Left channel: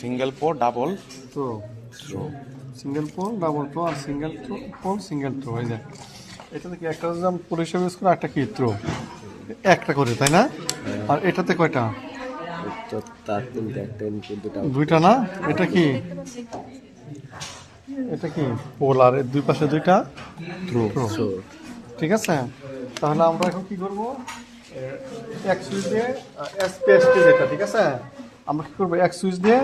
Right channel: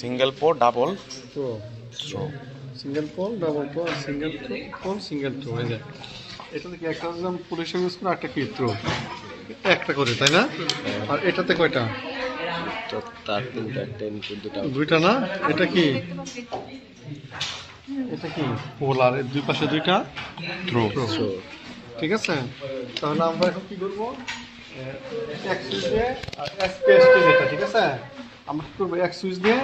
Single pole double throw, throw. Single pole double throw আর single pole single throw. এই যে এটা থেকে একটা যদি আমি পোল হিসেবে ইউজ করি, একটা কি থ্রো, একটা করে, তাই না? আর এটাতে কয়টা? তো তার তিনটা, একটা ইনপুট, দুটা দুইটা না? এটা কি, এটা কি পোল আর এর দুই পাশে দুইটা থ্রো। থ্রো। ঠিক আছে, তাহলে আমরা এখন কি করবো, এক সুইচ দিয়ে এসপিএসটি যেটা, ঠিক আছে, আমরা কি করবো, এক সুইচ দিয়ে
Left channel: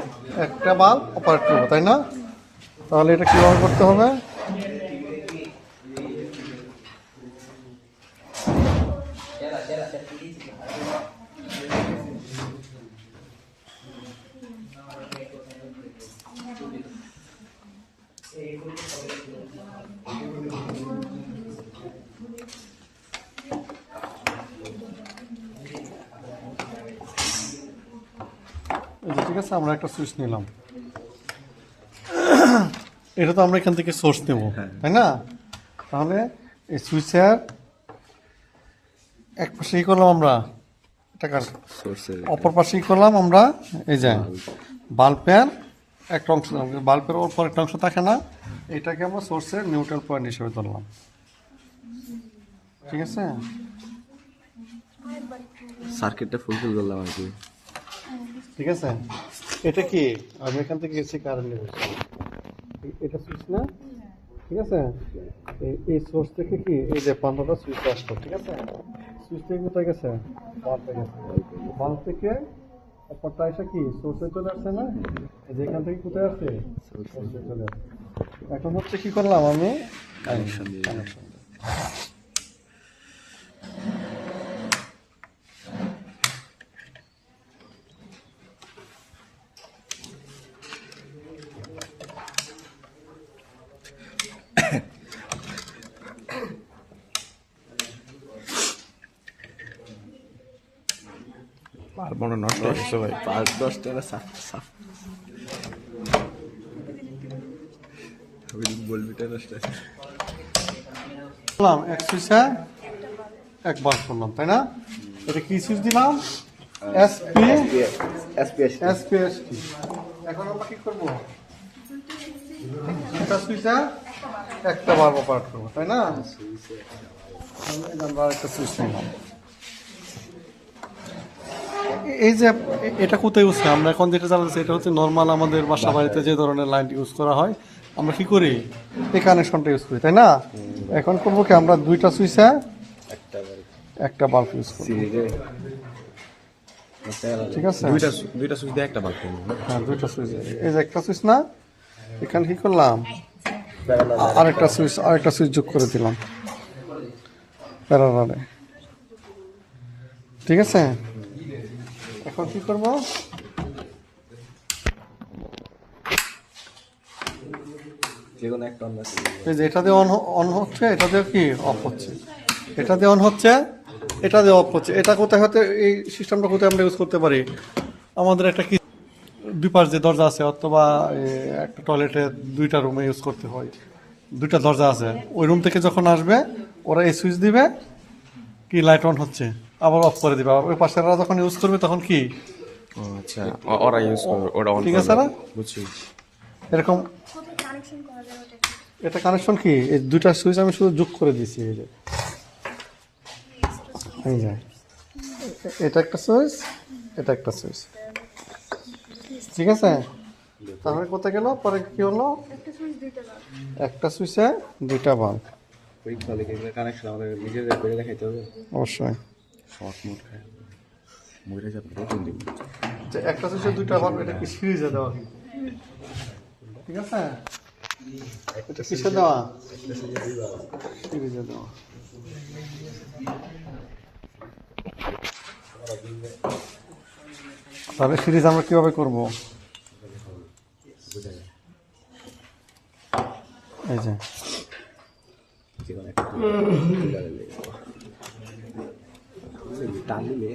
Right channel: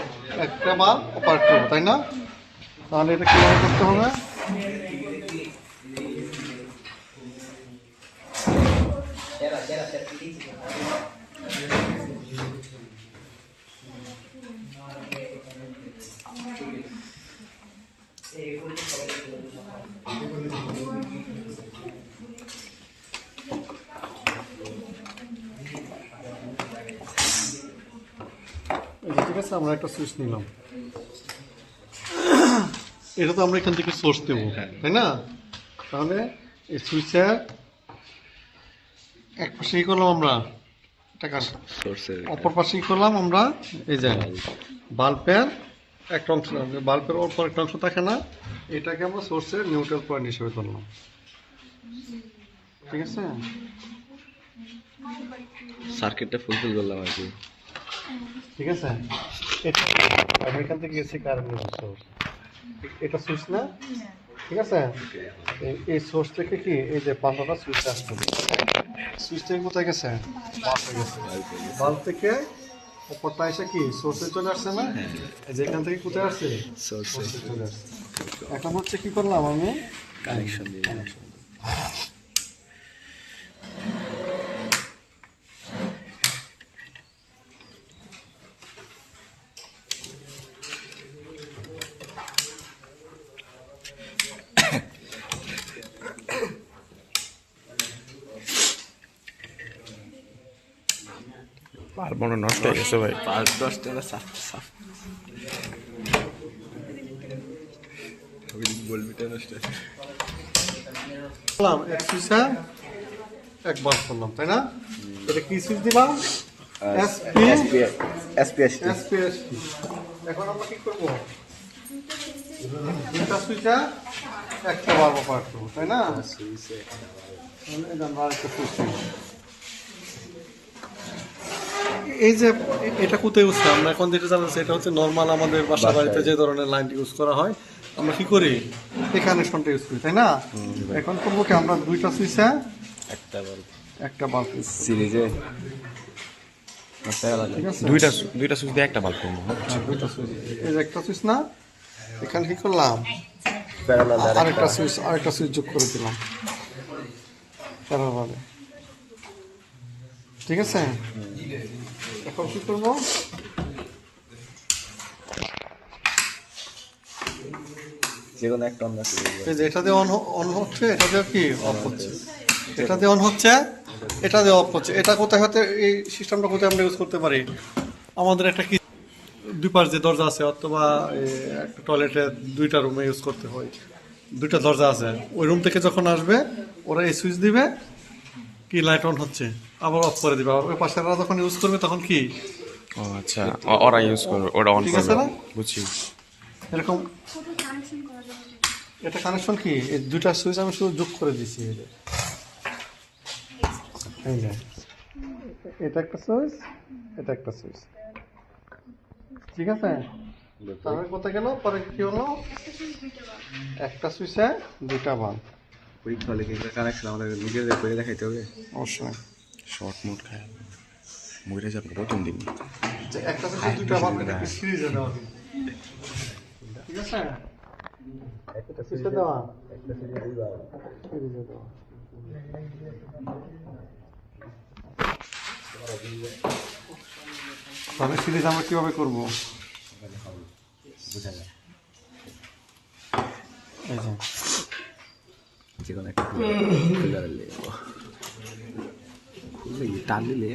একটা বাল্ব অপারেট করবো, তাই না? তাহলে এটা কীভাবে করতে হবে, ঠিক আছে, আমরা একটা সুইচ নিলাম, এটা তো আমরা এখান থেকে সোর্স নেব, তাই না? তাহলে এই সুইচের এক পাশে কি করলাম আমরা, এটা সোর্সের অপর পাশে কি করলাম আমরা, এই যে বাল্বের একটা অংশ, বাল্বের ওপর একটা অংশ থাকে না, এটাকে আমরা সোর্সের নিউট্রাল পয়েন্ট হিসেবে ধরলাম। ঠিক আছে, সার্কিটটা ফুলফিল করলাম আর কি। ঠিক আছে, এটা কি আমি এখান থেকে এসি কারেন্ট নেব, এটা সুইচ না? ঠিক আছে, এই সোর্স থেকে কি এই যে 15টা সুইচ আসছে, ঠিক আছে, সুইচ থেকে কোথায় গেছে, বাল্বে গেছে, বাল্ব থেকে অপরটা এসে কি সোর্সে চলে আসছে না, এই যে এখান থেকে কোথায় আসছে, সোর্সে চলে আসছে। এখন হচ্ছে কি করলাম আমি, কানেকশন দিয়ে বাল্ব মনে হয় নষ্ট হয়ে গেছে ভাই। 5-10 টাকা বলবি তো নষ্ট করলাম, এক সুইচে এক বাল্ব করলাম, তাই না? এটা কি সুইচ দিলাম, এসপিএসটি। এখন আমরা কি করবো, দুটা সুইচে একটা বাল্ব অপারেট করবো, তাই না? আমরা একটা সুইচ নিলাম, এই যে এটা কোথায় ইউজ করি আমরা এখন যেটা জানছি, এটা হচ্ছে নর্মাল আমাদের বাসা বাড়িতে যে ধরনের লাইন ইউজ করা হয়, আমরা কি করি এই কানেকশনটা ইউজ করি, তাই না? এখন করবো কি, আমরা দুইটা সুইচে একটা বাল্ব ইউজ করি, সিরিজে ঠিক আছে, দুইটা সুইচ দিয়ে একটা বাল্ব করবো। হ্যাঁ দুইটা সুইচ, এই যে একটা সুইচ না, এখানে কি করলাম, আরেকটা সুইচ যোগ করে দিলাম প্যারালালে, ঠিক আছে। এখন কি করবো, যেকোনো একটা আমরা এই যে এটা দিয়ে অন হচ্ছে, এটা দিয়ে কি অফ হচ্ছে, এটা দিয়ে অন হচ্ছে, এটা দিয়ে অফ হচ্ছে। এটা কোথায় হতে, এই সিস্টেমটা কোথায় আমরা ইউজ করতে পারি, আমাদের একটা কি দুই পাশ যে দরজা আছে, অথবা একটা টয়লেটে দুইটা রুমে ইউজ করতে হয়, দুইটা দরজা আছে, ওই রুম থেকে যখন আসবে ওরা এই সুইচ দিবে, কি লাইট অন হচ্ছে, আবার অফ করে দিবে, আর ওই পাশেরা যখন ইউজ করবে তখন কি, ও আচ্ছা, ওরা ইউজ করবে, ওটা অন ঠিক আছে করবে, না? বুঝছি। এরকম এটা কানেকশন কি, এই দুইটা সুইচ আমি শুধু যোগ করে দিয়েছি, এই যে এই যে এটা একটা সুইচ, এটা একটা সুইচ, ঠিক আছে। তারপরে কোথায় গেল, পরে কি হলো, একটা সুইচে দুইটা বাল্ব, ওই ফলে কানেকশন আমাদের নিজেদের করে দেখাইতে হবে অবশ্যই। শর্ট মোড খায়, মরে যাবে প্রথম দিন। যে একটা সুইচে দুইটা বাল্ব, এটা কি সিরিজে দেওয়া, ঠিক আছে, এটা কিসে দেওয়া, সিরিজে দেওয়া। তাহলে সিরিজ আমরা কিভাবে করবো, এই যে যেকোনো একটা টান দিলে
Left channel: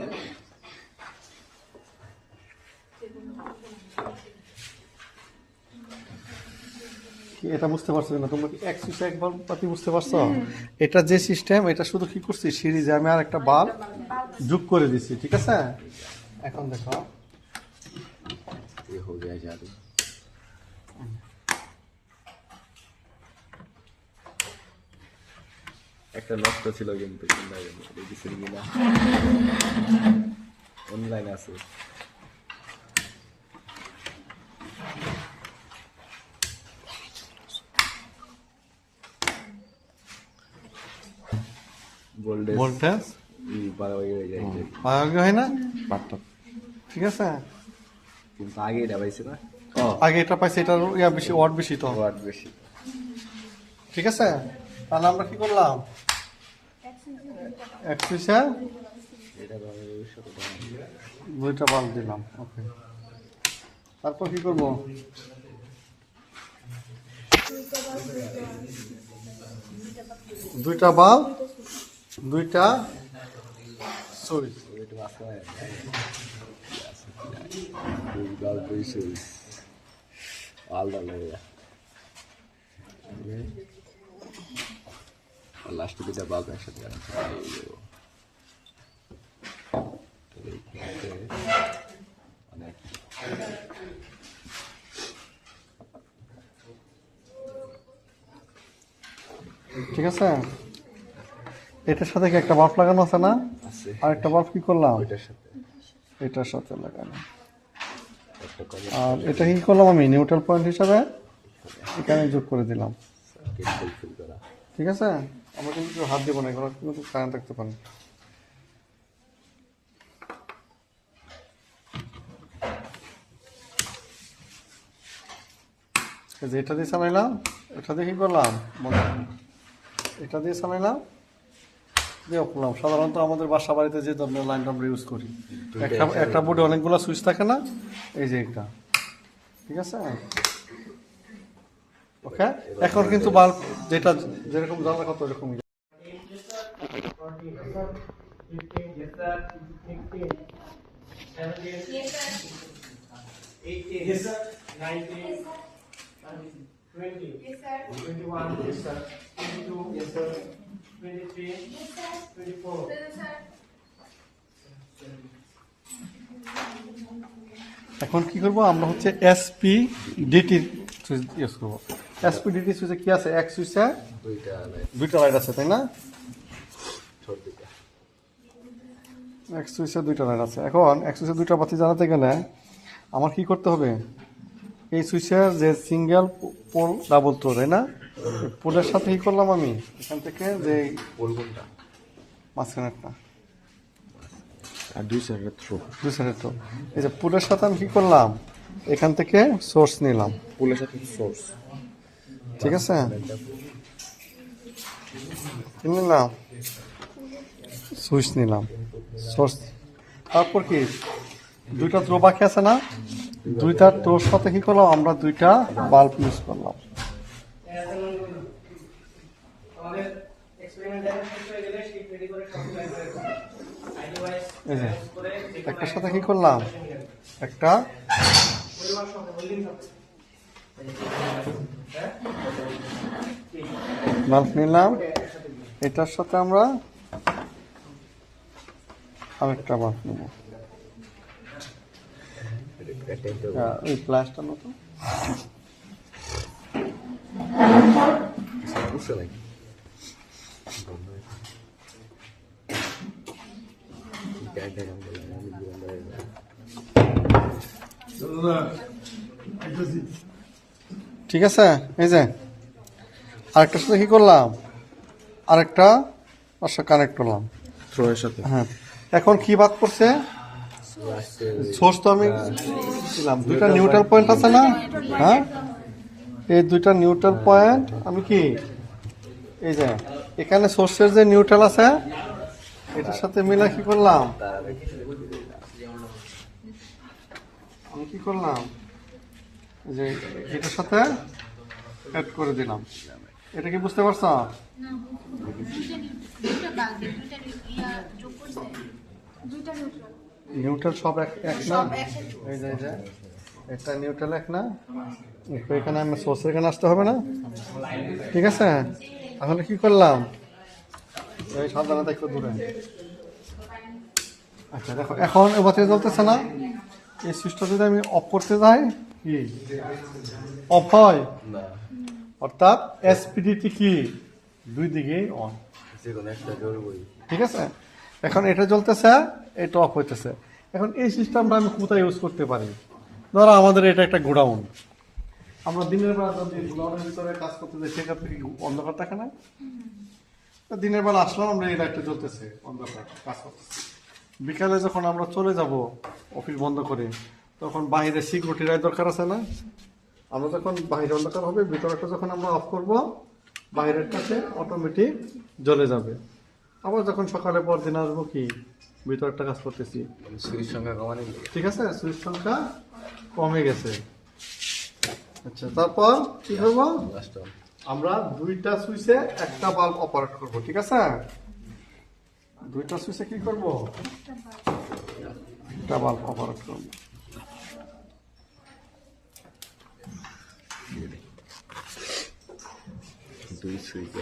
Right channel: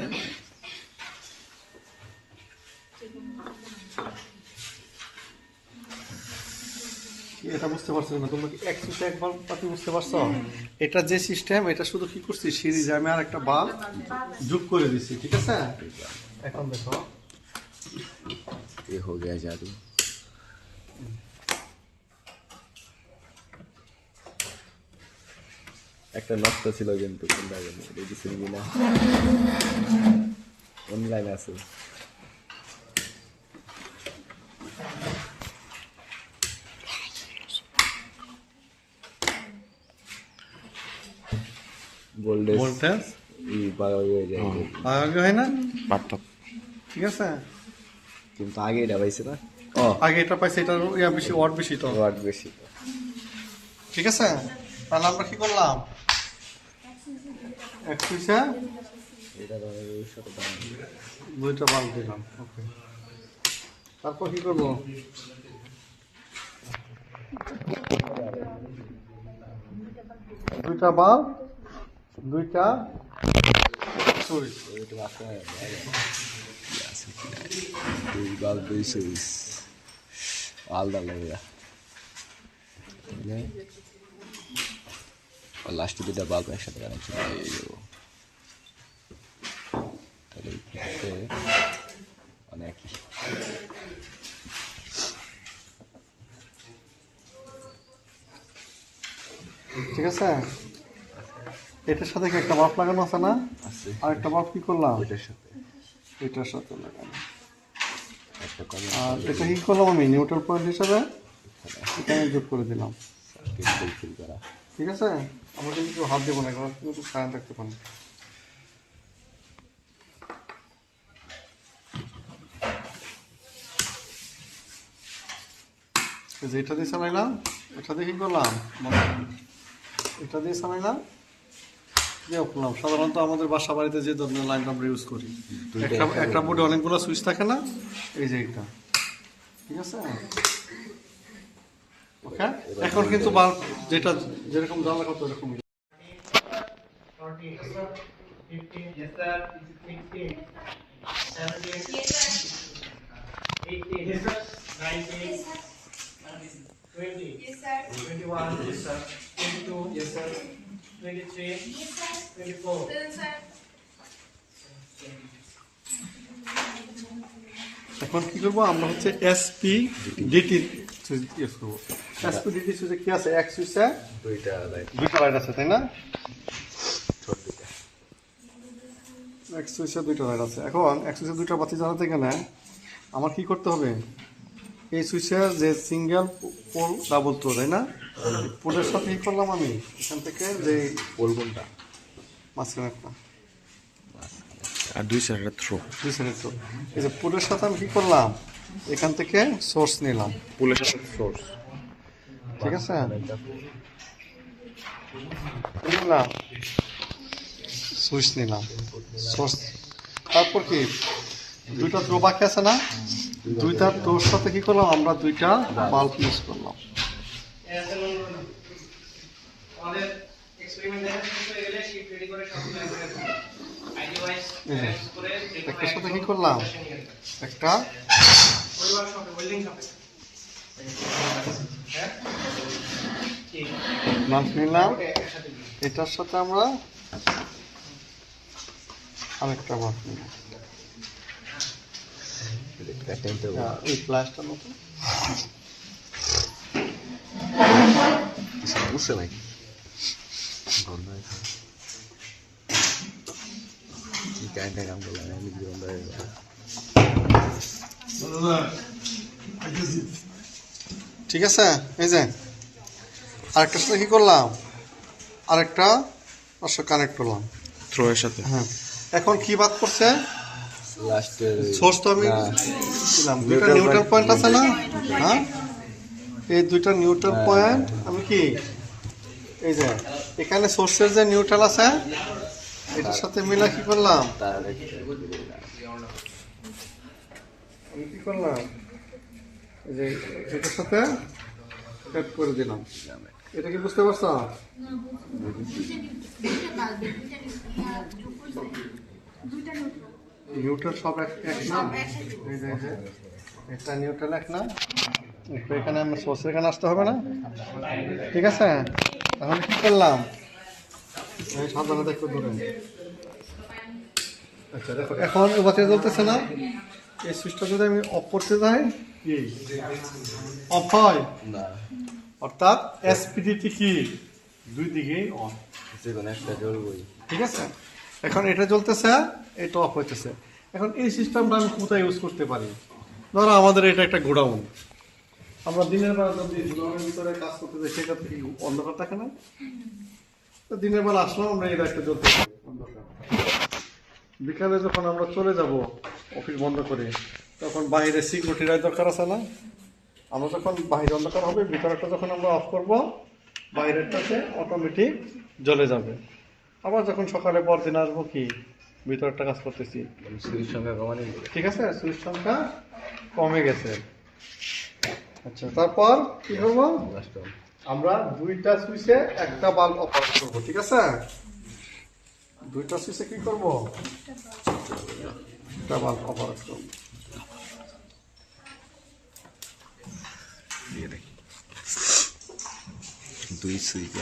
এটা বুঝতে পারছো না তুমি, এক সুইচে এক বাল্ব পাতি, বুঝতে পারছো? এটা যে সিস্টেম, এটা শুধু কি করছি, সিরিজে আমি আর একটা বাল্ব যোগ করে দিছি, ঠিক আছে। এখন দেখো ये हो गया जादू। একটা নষ্ট ছিল কিন্তু কোনটা জানি রেজিস্ট্রি কিনা অনলাইন আছে ভোল্টেজ ভোল্টেজ এই বাড়াই হয়ে যায় আগে হয় না পারত ঠিক আছে কিন্তু আগে এটা পাইছে না আগে এটা পাইছে এটার ইয়া বেশি ওয়াট বেশি তো ওয়াট বেশি ঠিক আছে তাহলে আমরা কি করলাম এক সুইচে এটা সাথে দুইটা বাল্ব দিলাম ওকে তারপর কি করবো দুইটা বাল্ব দুইটা সুইচ এটা বাকি দুই বাল্ব দুই সুইচ আলাদা লাগা আর লাস্টে দুইটা বাল্ব একসাথে লাগানো তাহলে অনেক ঠিক আছে এটার সাথে কি একটা বাল্ব লাগানো আছে না আছে আর একটা বাল্ব কি করলাম ওইটার সাথে এটার সাথে লাগানো একটা করে আর এটা কি করলাম আমি নিউট্রাল পয়েন্ট হিসাবে এখানে যোগ করে দিলাম কেবল ফিল করা ঠিক আছে আমরা কিন্তু হাত দেবো না এখন কিন্তু কারেন্ট রাখতে পারেন এই যে এটা দিয়ে চালাইলাম এটা দিয়ে কি করলাম এটা দিয়ে চালাইলাম দিয়ে করলাম সাধারণত আমাদের বাসা বাড়িতে যে ধরনের লাইন আমরা ইউজ করি একটা বোর্ডে অনেকগুলো সুইচ থাকে না এই যে এটা ঠিক আছে ওকে এখন কিন্তু বাল্ব যেটা যেরকম জানা কত এরকম Yes, sir. 16, 17, yes, sir. 18, yes, sir. 19, yes, sir. 20, yes, sir. 21, yes, sir. 22, yes, sir. 23, yes, sir. 24, yes, sir. এখন কি করবো আমরা হচ্ছে এসপি ডিটি সুইচ ইউজ করবো এসপি ডিটি সুইচে কি আছে এক সুইচে দুইটা লাইট দুইটা লাইট আছে তাই না ছোট দুইটা এক সুইচে দুইটা লাইট আছে এখন এক সুইচে দুইটা বাতি জ্বালাতে গেলে আমার কি করতে হবে এই সুইচের যে সিঙ্গেল পোল ডাবল তো তাই না পোলের সাথে কি করলাম আমি এখান থেকে যে পোল কোনটা মাঝখানে একটা আর দুই সাইডে থ্রো দুই সাইডের তো এই যে পোলের সাথে আমি কি করলাম এখান থেকে সোর্স নিলাম পুলের সাথে সোর্স ঠিক আছে নিলাম সুইচ নিলাম সোর্স তারপর কি দুইটা থ্রো বাকি আছে না দুইটা থ্রোর সাথে কি করলাম আমরা দুইটা বাল্ব ইউজ করলাম আমাদের এক্সপেরিমেন্ট দেখা শেষ হয়ে গেলে শিট রেডি করে সব আইডিওয়াইজ এই যে করে একটার সাথে কি করলাম একটা পরিবার শপে ওয়েল্ডিং শপে হ্যাঁ ঠিক বাল্ব নিলাম একসাথে দিয়ে এটার সাথে আমরা আরেকটা বাল্ব নিলাম ওই প্লাসটার মতো বুঝতে ভাই কি কাইন্ডের নাম বলে আমি ঠিক আছে এই যে আরেকটার সাথে কি করলাম আরেকটা কানেক্ট করলাম থ্রো এর সাথে হ্যাঁ এখন কি বাদ করছে লাস্টে সোর্স তো আমি দিলাম দুইটা নিউট্রাল পয়েন্ট আছে না হ্যাঁ এই দুইটা নিউট্রাল পয়েন্ট আমি কি এই যে এখানে সোর্সের যে নিউট্রাল আছে এটার সাথে মিলে কি করলাম আমি কি করলাম এই যে এটার সাথে অ্যাড করে দিলাম এটা কি বুঝতে পারছো নিউট্রাল সব এক না এই যে একটা নিউট্রাল এক না একটু এখানে আমি সোর্সের এখানে আসতে হবে না ঠিক আছে তাহলে কি করলাম এই সাবধানে একটু দূরে আচ্ছা দেখো এখন বাতি জ্বলতেছে না এই সুইচটা যদি আমি অফ করতে যাই কি অফ হয় না, অর্থাৎ এসপিডিটি কি দুই দিকেই অন। যে কোনো একটা জ্বলবই। ঠিক আছে, এখন এটা জ্বলতেছে, এটা অফ হইতেছে। এখন এই সিস্টেমটা আমি কোথায় ইউজ করতে পারি? ধরো আমাদের এটা একটা গোডাউন, আমরা দিনের বেলা যদি গোডাউনের ভিতরে কাজ করতে যাই সেক্ষেত্রে কি অন্ধকার থাকে না? তো দিনের বেলা আসলাম আমরা, এটা একটা জ্বলতেছে অন্ধকার। বিকালে যখন আমরা চলে যাব অফিস বন্ধ করে, তখন বাইরে সিকিউরিটির দরকার আছে না? আমরা যখন বাইরে অন্ধকার হবে, ভিতরটা যখন আমরা অফ করব, বাইরেরটাতে অটোমেটিক জ্বলে যাবে। আবার যখন সকালে পরদিন আসবো কি ভিতরটা কাজ করতেছি, সুইচ সংখ্যা কমানো ঠিক আছে, সুইচ সংখ্যা কমে গেছে। আচ্ছা, তারপর কি করবো? আমরা দুইটা সুইচে একটা বাল্ব অপারেট করবো, ঠিক আছে? দুইটা সুইচে কি করব? একটা বাল্ব অপারেট করবো। দুই সুইচ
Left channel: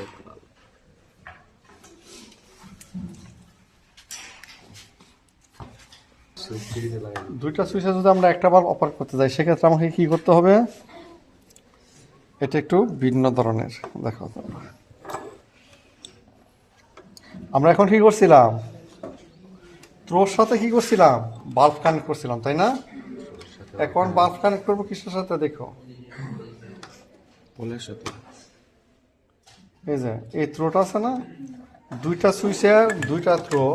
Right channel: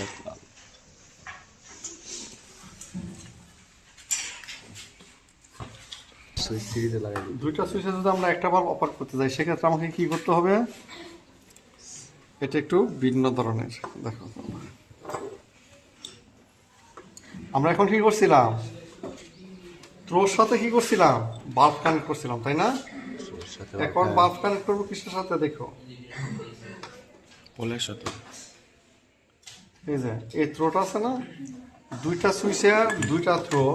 সুইচ ফ্রিজে লাগাই দুইটা সুইচে যদি আমরা একটা বাল্ব অপারেট করতে যাই সেক্ষেত্রে আমাকে কি করতে হবে? এটা একটু ভিন্ন ধরনের। দেখো, আমরা এখন কি করছিলাম? থ্রোর সাথে কি করছিলাম? বাল্ব কানেক্ট করছিলাম, তাই না? এখন বাল্ব কানেক্ট করবো কিসের সাথে? দেখো, পোলের সাথে। এই যে এই থ্রোটা আছে না, দুইটা সুইচের দুইটা থ্রো,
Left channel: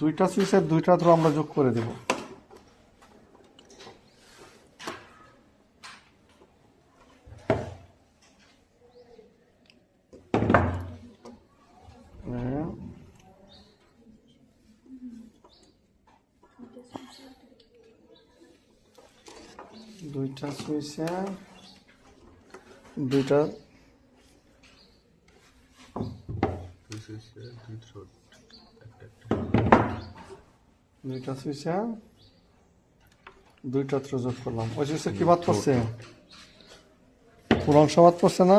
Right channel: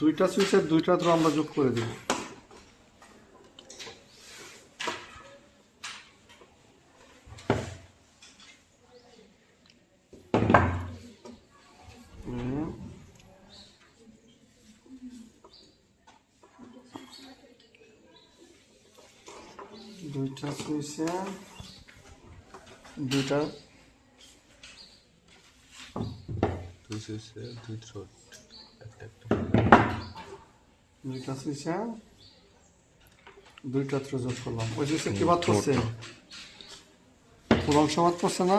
দুইটা সুইচের দুইটা থ্রো আমরা যোগ করে দেব। দুইটা সুইচে দুইটা দুই সুইচে দুই থ্রোট একটা দুইটা সুইচে দুইটা থ্রো যোগ করলাম। ওই সুইচে কি বাদ করছে? পুরো অংশ বাদ করছে না?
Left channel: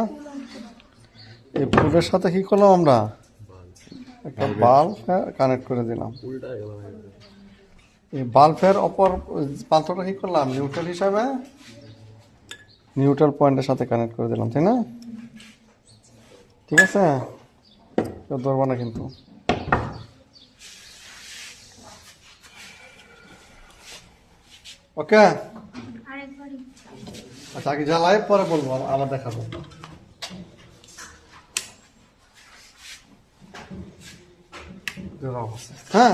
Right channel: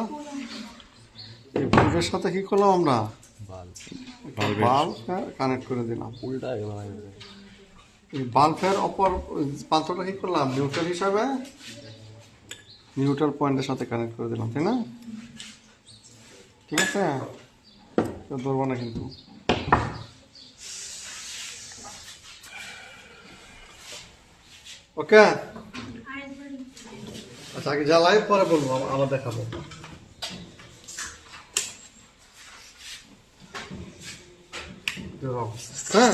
এই পুরের সাথে কি করলাম আমরা? একটা বাল্ব কানেক্ট করে দিলাম। উল্টা গেল না এই বাল্বের অপর প্রান্তটা কি করলাম? নিউট্রাল হিসাবে নিউট্রাল পয়েন্টের সাথে কানেক্ট করে দিলাম, তাই না? ঠিক আছে, ধরবো না কিন্তু। ওকে, আচ্ছা আগে জ্বালাই পরে বলবো, আবার দেখাবো। হ্যাঁ,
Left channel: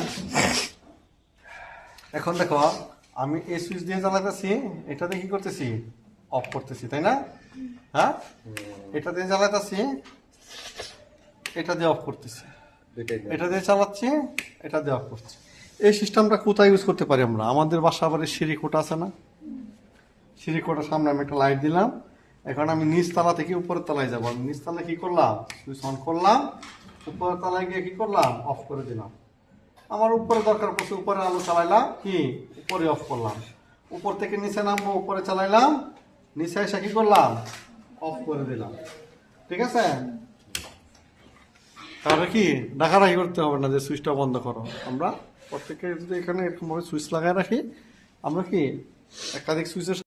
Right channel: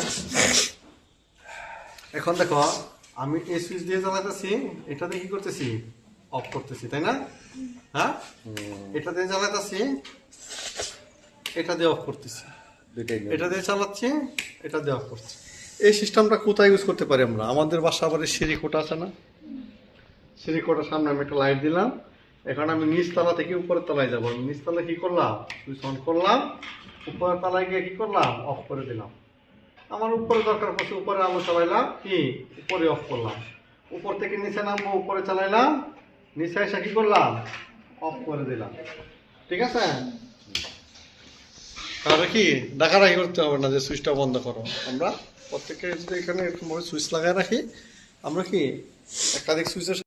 এখন দেখো আমি এই সুইচ দিয়ে জ্বালাতেছি, এটাতে কি করতেছি? অফ করতেছি, তাই না? হ্যাঁ, এটা দিয়ে জ্বালাতেছি, এটা দিয়ে অফ করতেছি, এটা দিয়ে চালাচ্ছি, এটা দিয়ে অফ করছি। এই সিস্টেমটা কোথায় ইউজ করতে পারি আমরা? আমাদের বাসা আবার সিঁড়ি কোটা আছে না, সিঁড়ি কোটার সামনে আমি একটা লাইট দিলাম। এখন আমি নিচ তলা থেকে উপরের তলায় যাবো। আমি নিচ তলায় কি করলাম? সুইচ অন করলাম, উপরের তলায় গিয়ে কি করলাম? অফ করে দিলাম। আমার উপরে দরকার পড়ছে, উপরে আলো চালাইলাম, কি উপরে অফ করলাম। উপর থেকে নিচে নামবো, উপরে চালাইলাম, নিচে এসে কি করলাম? অফ করে দিলাম। ঠিক আছে, তাহলে কি ডাকাডাকি করতে হবে না যে সুইচটা বন্ধ করো। আমরা প্রত্যেকে যদি এখানে এরকম ভাবে সুইচ লাগাই রাখি, আমরা কি একাধিক সুইচের